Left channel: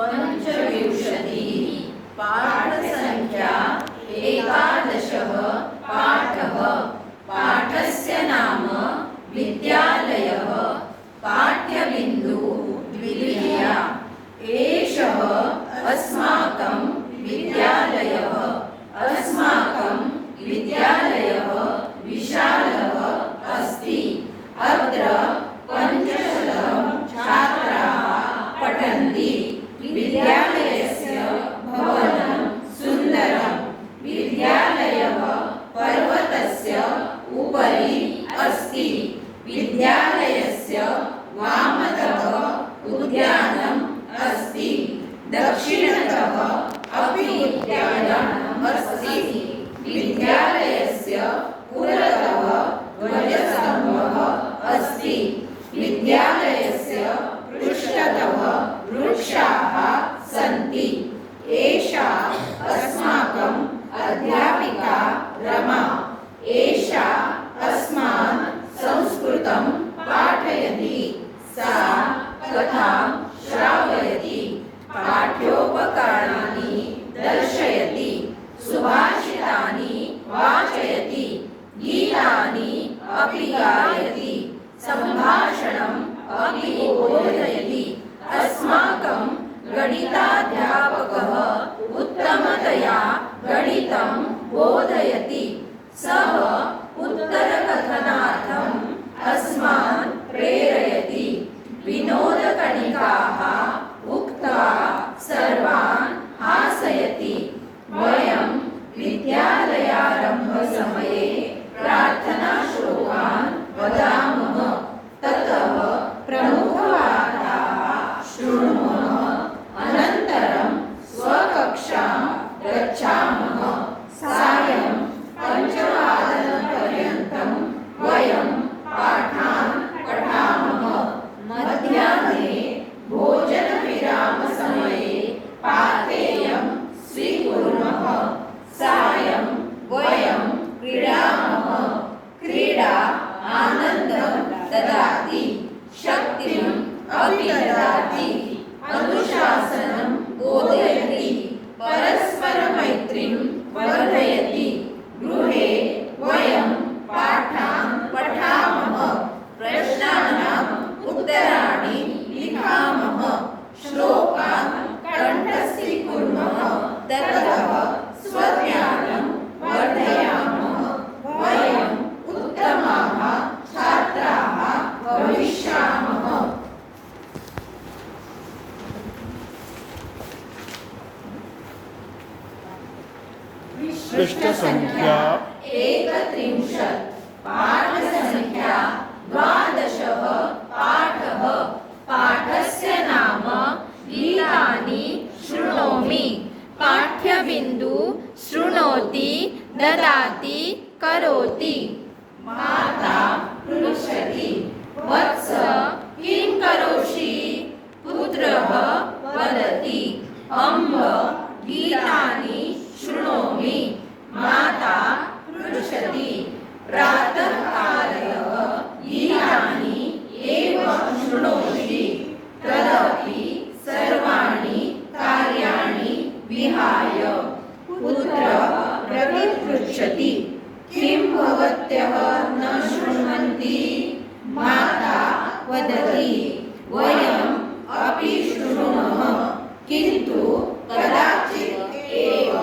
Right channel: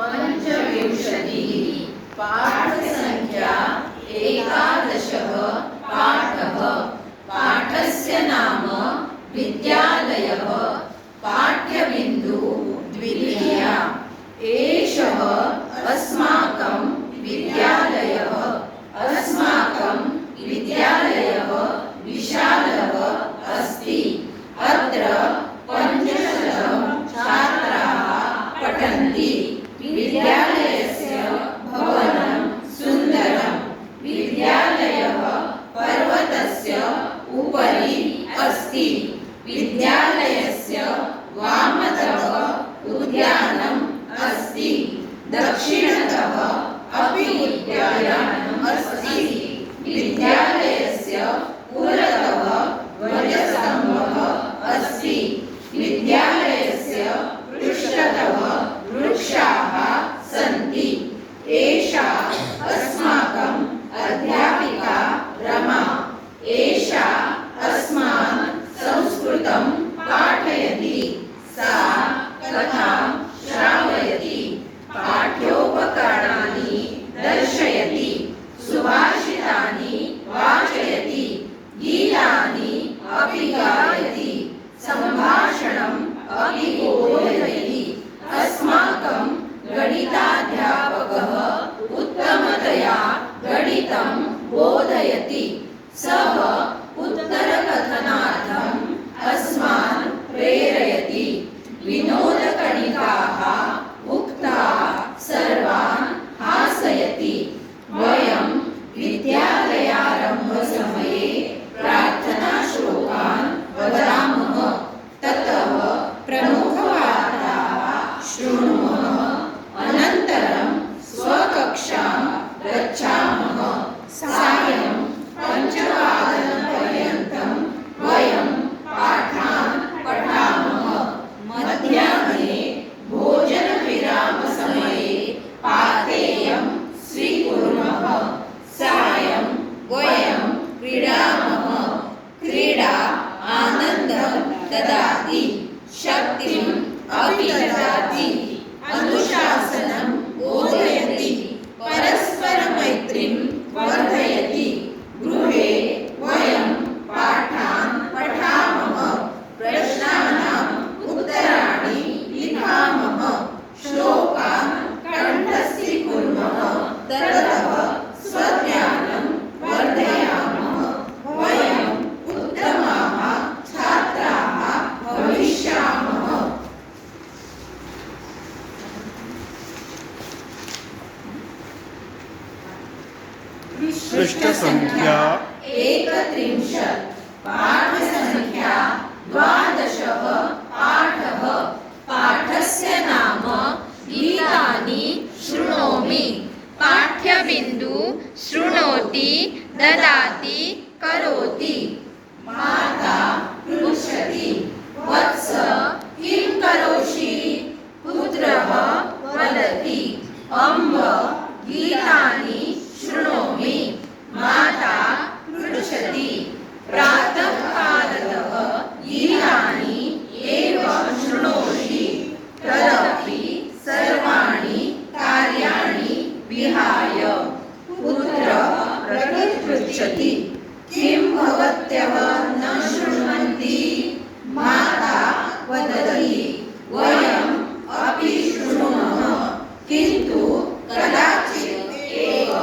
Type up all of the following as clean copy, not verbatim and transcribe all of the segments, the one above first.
पंचविंशतिः पाठसंख्या 11 पाठः पाठस्य नाम विद्यालयः पाठ्यबिन्दु द्वितीया एषः अस्माकं विद्यालयः विशालः अस्ति अत्र 500 छात्राः पठन्ति विद्यालयस्य भवनं सुन्दरं विद्यालयः पर्वतस्य उपरि अस्ति विद्यालयस्य वामतः उद्यानम् अस्ति दक्षिणतः अपि उद्यानम् अस्ति विद्यालयस्य पुरतः ध्वजस्तम्भः अस्ति विद्यालयस्य पृष्ठतः वृक्षाः सन्ति एषा अस्माकम् अध्यापिका रमा एषा अस्मान् संस्कृतं पाठयति सा कथां श्रावयति पाठ्योपकरणानि दर्शयति सुभाषितानि वाचयति गीतानि अपि गायति सम्भाषणम् अपि बोधयति अस्माकं गणिताध्यापकः उत्तमतया गणितं बोधयति सः उत्तरकथनार्थम् अस्मान् प्रेरयति विनोदकणिकाः उक्त्वा सर्वान् हासयति वयं विद्यालयारम्भसमये प्रार्थनाश्लोकान् वदामः ततः प्रमुखवार्ताः शृणुमः अनन्तरं स्वकक्षां गच्छामः सायं 5:15 वयं पाठान् पठामः मध्याह्ने भोजनविरामसमये पाथेयं स्वीकुर्मः सायं वयं क्रीडामः क्रीडा आनन्दं ददाति शक्तिम् अपि ददाति अनुशासनं बोधयति परस्परमैत्रीं वर्धयति गृहे वयं पाठान् पठामः प्रश्नानाम् उत्तराणि लिखामः श्लोकान् कण्ठस्थीकुर्मः ततः स्वज्ञानं वर्धयामः वयम् उत्तमाः छात्राः भविष्यामः। पृष्ठसंख्या 31 पाठसंख्या 12 पाठः पाठस्य नाम गीतानि शृणोमि पाठ्यबिन्दु शृणोति ददाति करोति माता पृच्छति वत्स किं करोषि पुत्रः वदति अम्ब गीतानि शृणोमि माता पृच्छति प्रातःकालतः गीतानि एव शृणोषि तदपि सर्वाणि कार्याणि विहाय पुत्रः प्रतिपृच्छति किं भवत्यः न शृण्वन्ति माता वदति वयम् अपि शृणुमः किन्तु कदाचित् एव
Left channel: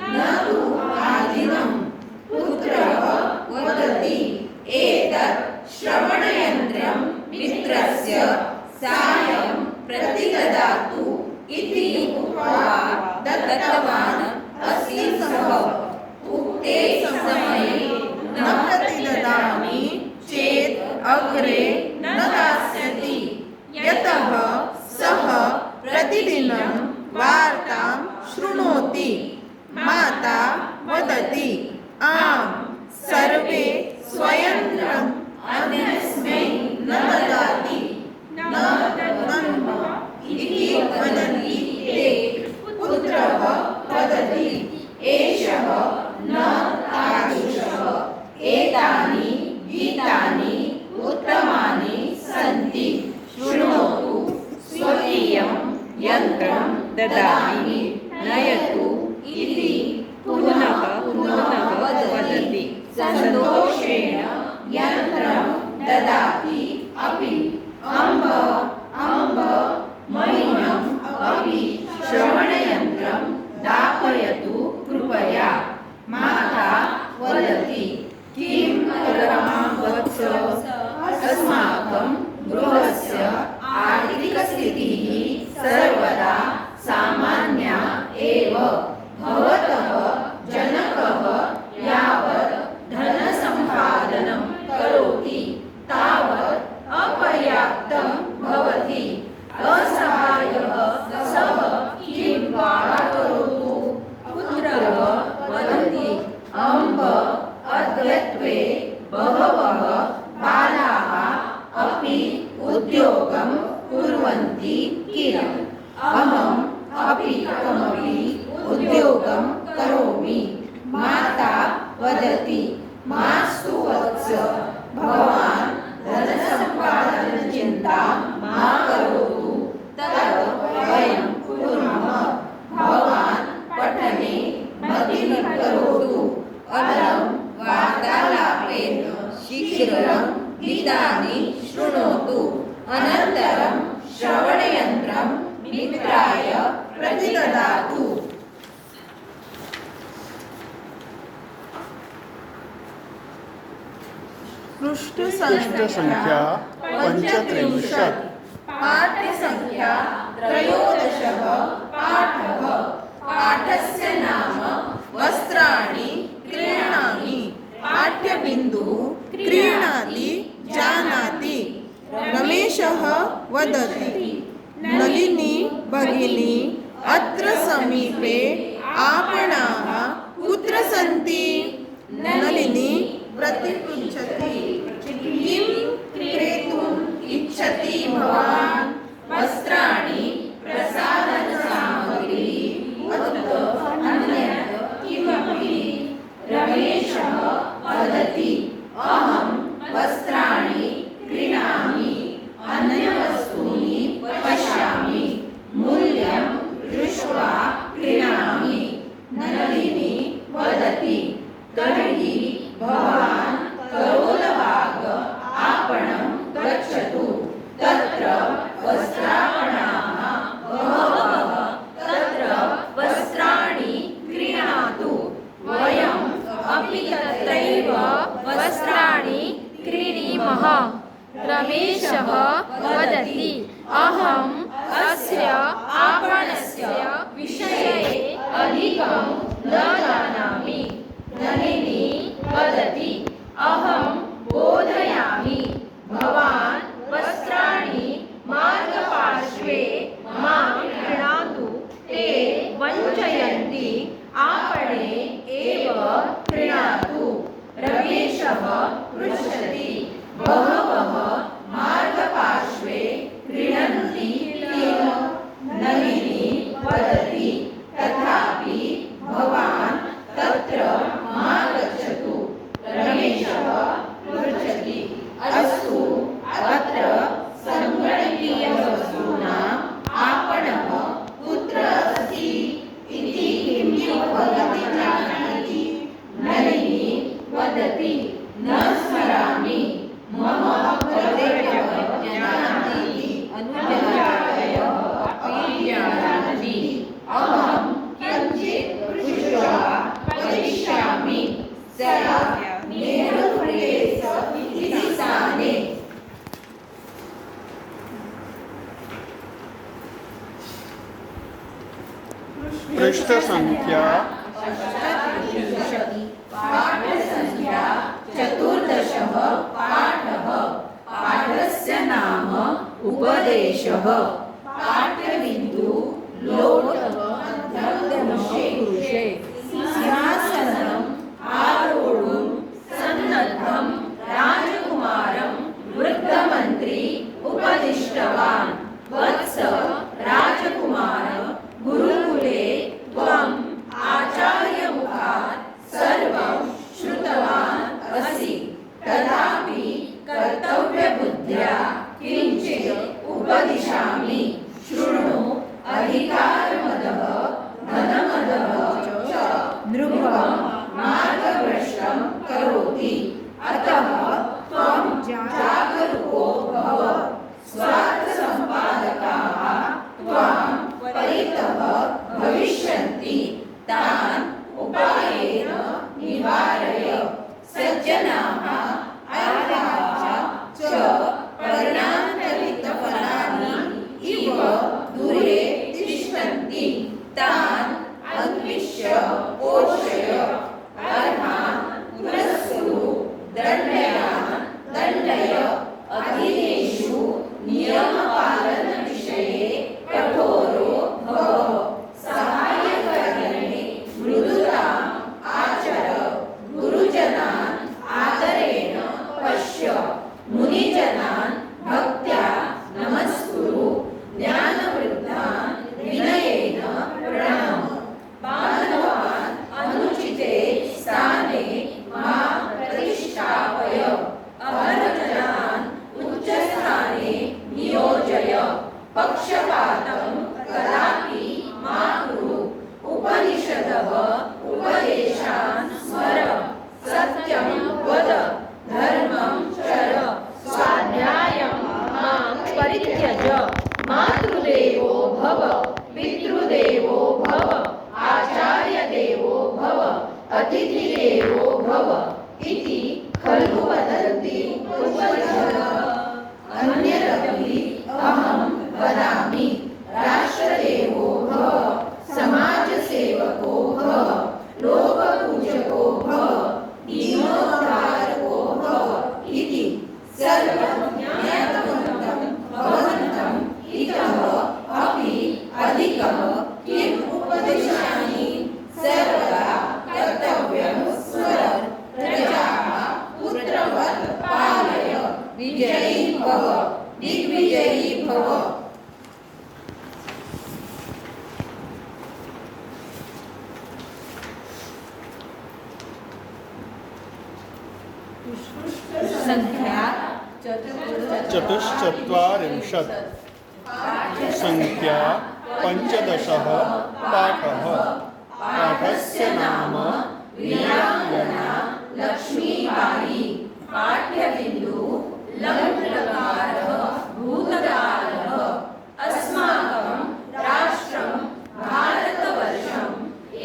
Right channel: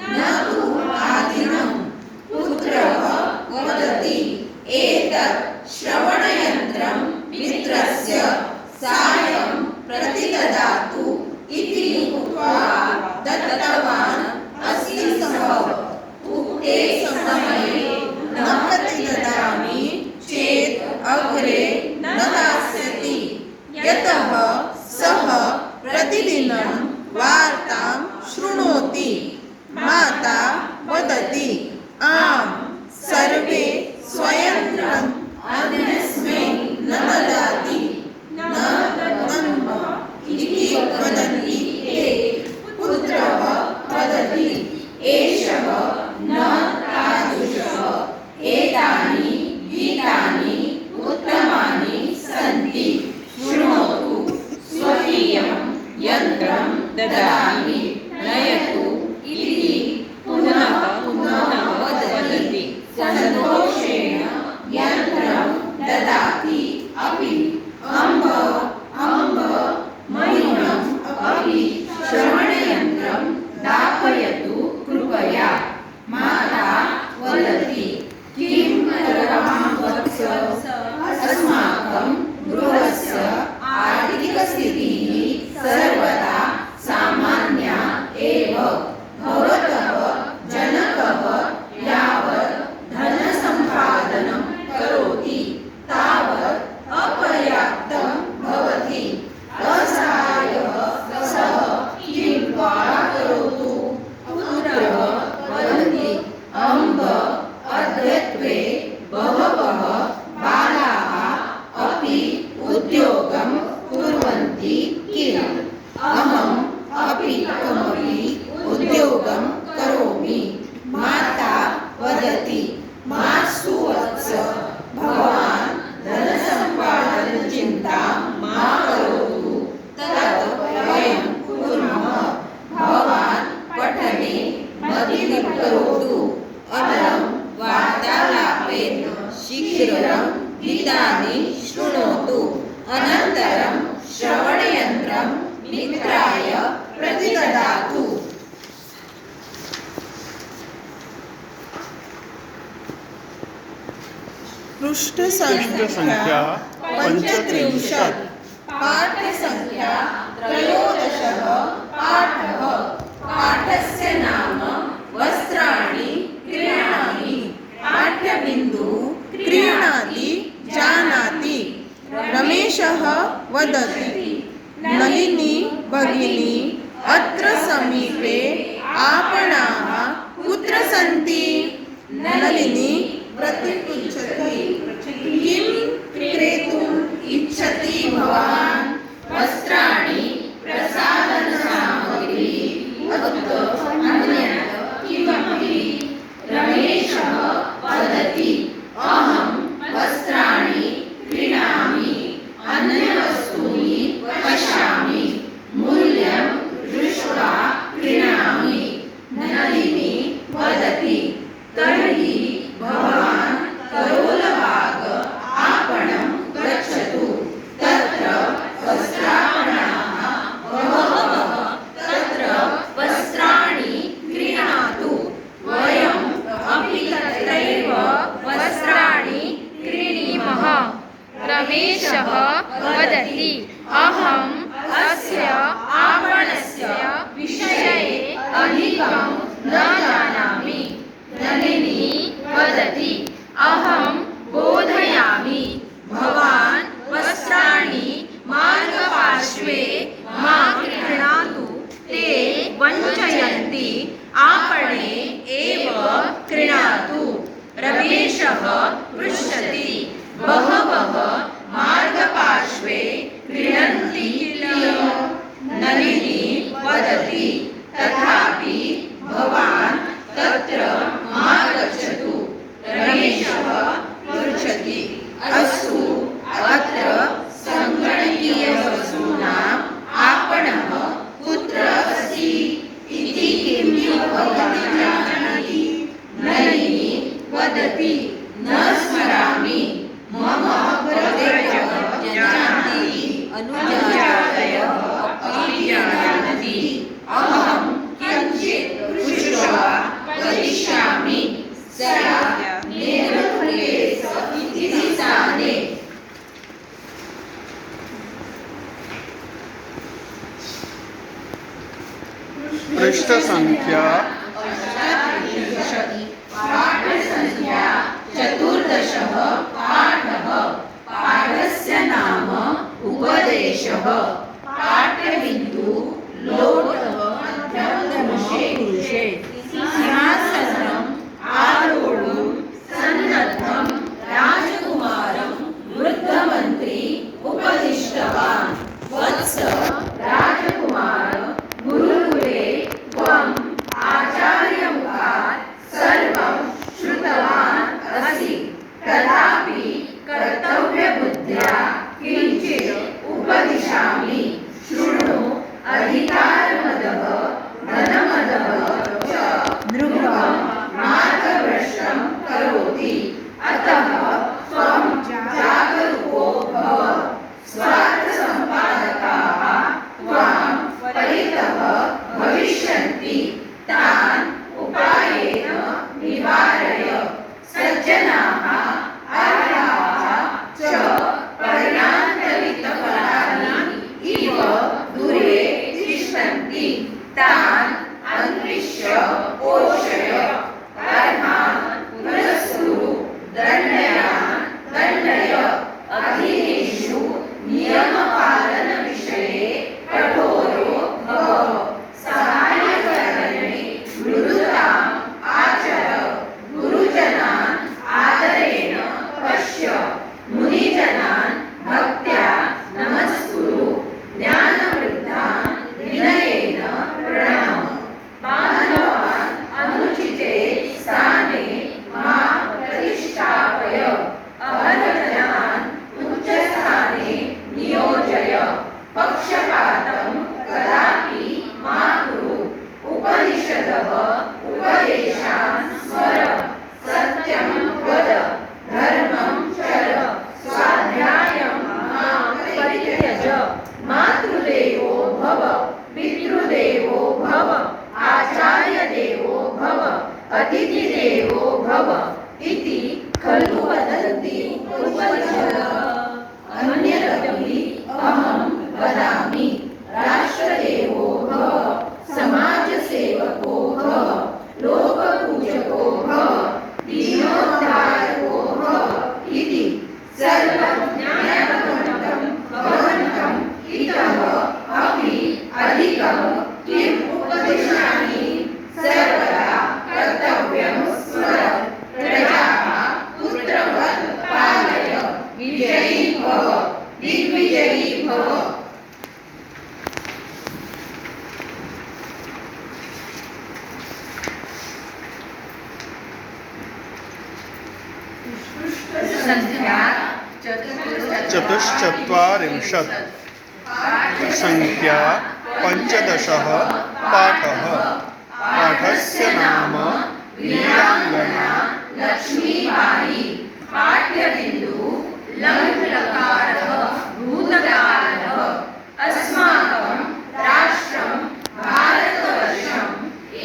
न तु आदिनं पुत्रः वदति एतत् श्रवणयन्त्रं मित्रस्य सायं प्रतिददातु इति उक्त्वा दत्तवान् अस्ति सः उक्ते समये न प्रतिददामि चेत् अग्रे न दास्यति यतः सः प्रतिदिनं वार्तां शृणोति माता वदति आम् सर्वे स्वयन्त्रम् अन्यस्मै न ददाति न दद्मः इति वदन्ति ते पुत्रः वदति एषः न तादृशः एतानि गीतानि उत्तमानि सन्ति शृणोतु स्वकीयं यन्त्रं ददामि नयतु इति पुनः वदति सन्तोषेण यन्त्रं ददाति अपि अम्ब मयूरम् अपि श्रवणयन्त्रं दापयतु कृपया माता वदति किं करवाम वत्स अस्माकं गृहस्य आर्थिकस्थितिः सर्वदा सामान्या एव भवतः जनकः यावत् धनसम्पादनं करोति तावत् अपर्याप्तं भवति असहायः सः किं वा करोतु पुत्रः वदति अम्ब अद्यत्वे बहवः बालाः अपि उद्योगं कुर्वन्ति किल अहम् अपि कमपि उद्योगं करोमि माता वदति मास्तु वत्स भवान् धनसम्पादनचिन्तां मा करोतु तत् वयं कुर्मः भवान् पठने मतिं करोतु अलं वार्तालापेन शीघ्रं गीतानि शृणोतु अनन्तरं श्रवणयन्त्रं मित्राय प्रतिददातु। पृष्ठसंख्या 35 पाठ्यसंख्या 13 पाठः पाठस्य नाम वस्त्राणि क्रीणामि पाठ्यबिन्दुः क्रीणाति जानाति रमेशः वदति नलिनी भगिनी अत्र समीपे आपणाः कुत्र सन्ति नलिनी प्रतिपृच्छति किं क्रेतुम् इच्छति भवान् वस्त्राणि प्रसाधनसामग्री अन्यत् किमपि रमेशः वदति अहं वस्त्राणि क्रीणामि अन्यवस्तूनि पश्यामि मूल्यं दृष्ट्वा क्रीणामि नलिनी वदति तर्हि भवान् करोलबाग आपणं गच्छतु तत्र वस्त्रापणाः बहवः तत्र वस्त्राणि क्रीणातु वयम् अपि तत्रैव वस्त्राणि क्रीणीमः रमेशः वदति अहम् अस्य आपणस्य विषये अधिकं न जानामि नलिनी वदति अहं बोधयामि भवान् वस्त्राणि मार्गपार्श्वे मा क्रीणातु ते वञ्चयन्ति आपणे एव क्रीणातु रमेशः पृच्छति बहवः मार्गपार्श्वे क्रीडन्ति किल नलिनी वदति तथापि भवान् तत्र मा गच्छतु रमेशः पृच्छति अस्तु अत्र सङ्गणकीयवस्तूनाम् आपणः कुत्र अस्ति इति किं भवती जानाति नलिनी वदति न स्मरामि मम अग्रजः जानाति अनुजातयः अपि जानन्ति अहं किञ्चित् पृष्ट्वा वदिष्यामि सा नेरुलेस इति स्थाने पृष्ठसंख्या पाठसंख्या 14 पाठः पाठस्य नाम उपदेशः पाठ्यबिन्दुः लोटः मध्यमपुरुषे सिंहासनम् आरोढुं सन्नद्धं राजकुमारं वृद्धमन्त्री उपदिष्टवान् वत्स राजकुमार गुरुकुले त्वम् आचार्यमुखात् सर्वं श्रुतवान् असि तथापि कर्तव्यबुद्ध्या किञ्चित् उपदिशामि पक्षपातं कदापि मा कुरु उपनिषदः उपदेशान् स्मर सत्यं वद धर्मं चर स्वाध्यायं मां परित्यज मातृदेवो भव पितृदेवो भव आचार्यदेवो भव अतिथिदेवो भव इति खलु वदन्ति उपनिषदः अन्यदपि अहं वदामि राष्ट्रदेवो भव समाजसेवको भव लोकपूजको भव दीनोद्धारको भव इति सर्वं ज्ञातवन्तं भवन्तम् इतः अपि अधिकं किम् उपदिशामि सर्वदा कर्तव्यं स्मर प्रजाः पुत्रवत् पालय विजयी भव दिग्विजयी भव। संध्या चतुश्चत्वारिंशत् संख्या 15 पाठः पाठस्य नाम वीराङ्गना लक्ष्मीबाई पाठ्यबिन्दु लङ्लकारः भूतकालः अस्माकं राष्ट्रं भारतवर्षं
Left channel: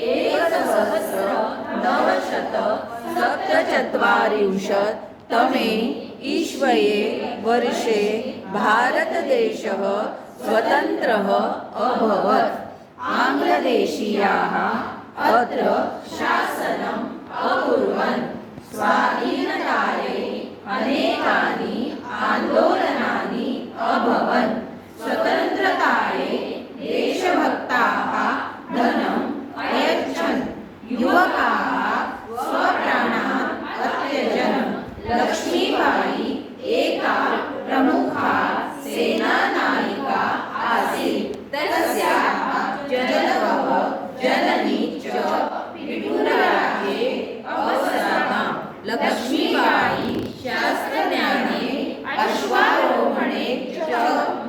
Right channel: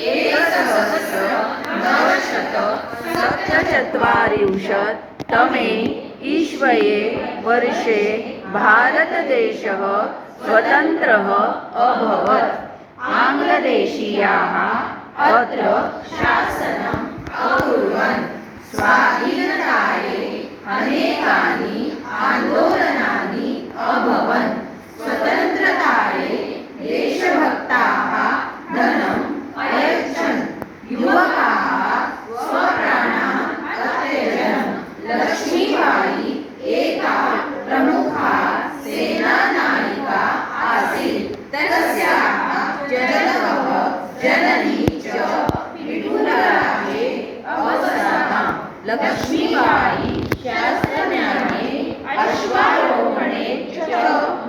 1947 तमे ईस्वये वर्षे भारतदेशः स्वतन्त्रः अभवत्। आङ्ग्लदेशीयाः अत्र शासनम् अकुर्वन्। स्वाधीनतायै अनेकानि आन्दोलनानि अभवन्। स्वतन्त्रतायै देशभक्ताः धनम् अयच्छन्। युवकाः स्वप्राणान् अत्यजन्। लक्ष्मीबाई एका प्रमुखा सेनानायिका आसीत्। तस्याः जनकः जननी च विपुलराज्ये अवसराम्। लक्ष्मीबाई शास्त्रज्ञाने अश्वारोहणे च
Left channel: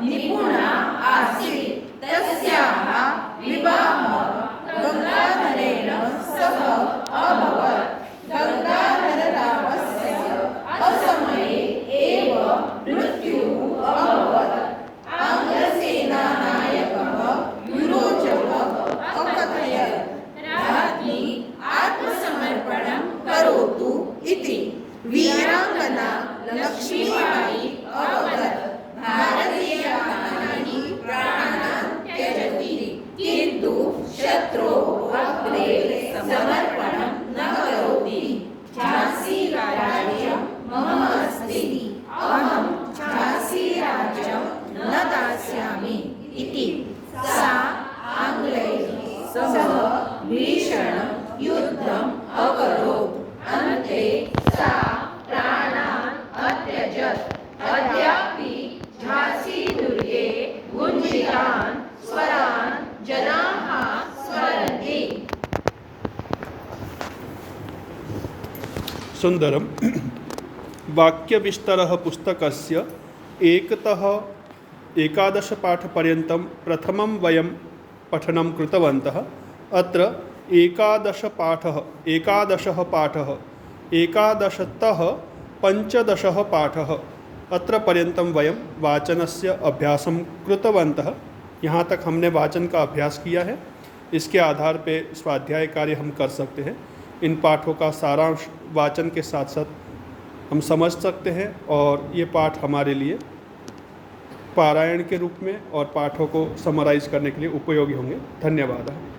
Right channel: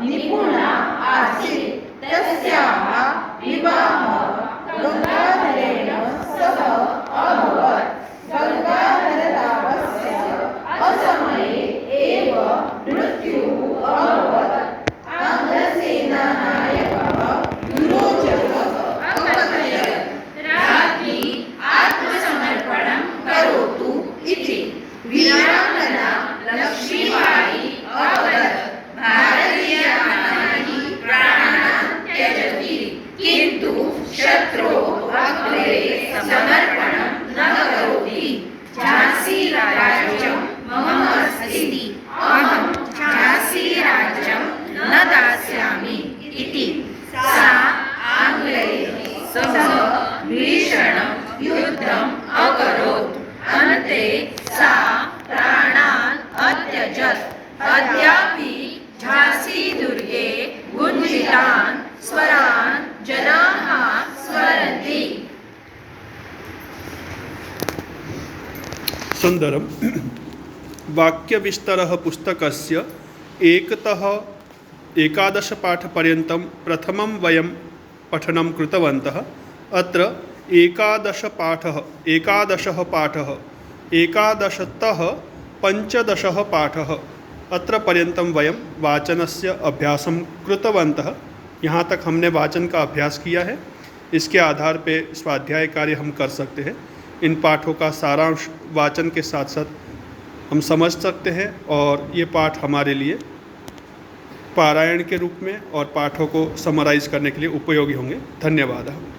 निपुणा आसीत्। तस्याः विवाहः गङ्गाधरेण सह अभवत्। गङ्गाधररावस्य असमये एव मृत्युः अभवत्। आङ्ग्लसेनानायकः युरोचकः अकथयत् राज्ञी आत्मसमर्पणं करोतु इति। वीराङ्गना लक्ष्मीबाई अवदत् भारतीयानां प्राणान् त्यजति किन्तु शत्रोः अग्रे समर्पणं न करोति। झांसीराज्यं मम अस्ति। अहं झांसीराज्यं न दास्यामि इति सा आङ्ग्लैः सह भीषणं युद्धम् अकरोत्। अन्ते सा प्राणान् अत्यजत्। अद्यापि झांसीदुर्गे गुञ्जितान् स्वरान् जनाः स्मरन्ति। सुन्दरं वाक्यविस्तरः पुस्तकस्य एकतः 11 पाठपर्यन्तं प्रथमं वयं पठनं कृतवन्तः। अत्र 11 पाठः 11तः 15 पाठः अत्र पर्यन्तं वयं वाचनस्य अभ्यासं कृतवन्तः। यहाँ तक हमने वाचन का अभ्यास किया है। इसके आधार पे स्वाध्याय कार्य हम कर सकते हैं। इन पाठों का सारांश वाचन के साथ साथ हम समझ सकते हैं और ये पाठ हमारे लिए पारायण के रूप में और पाठों को समराइज करने के लिए उपयोगी होंगे। धन्यवाद।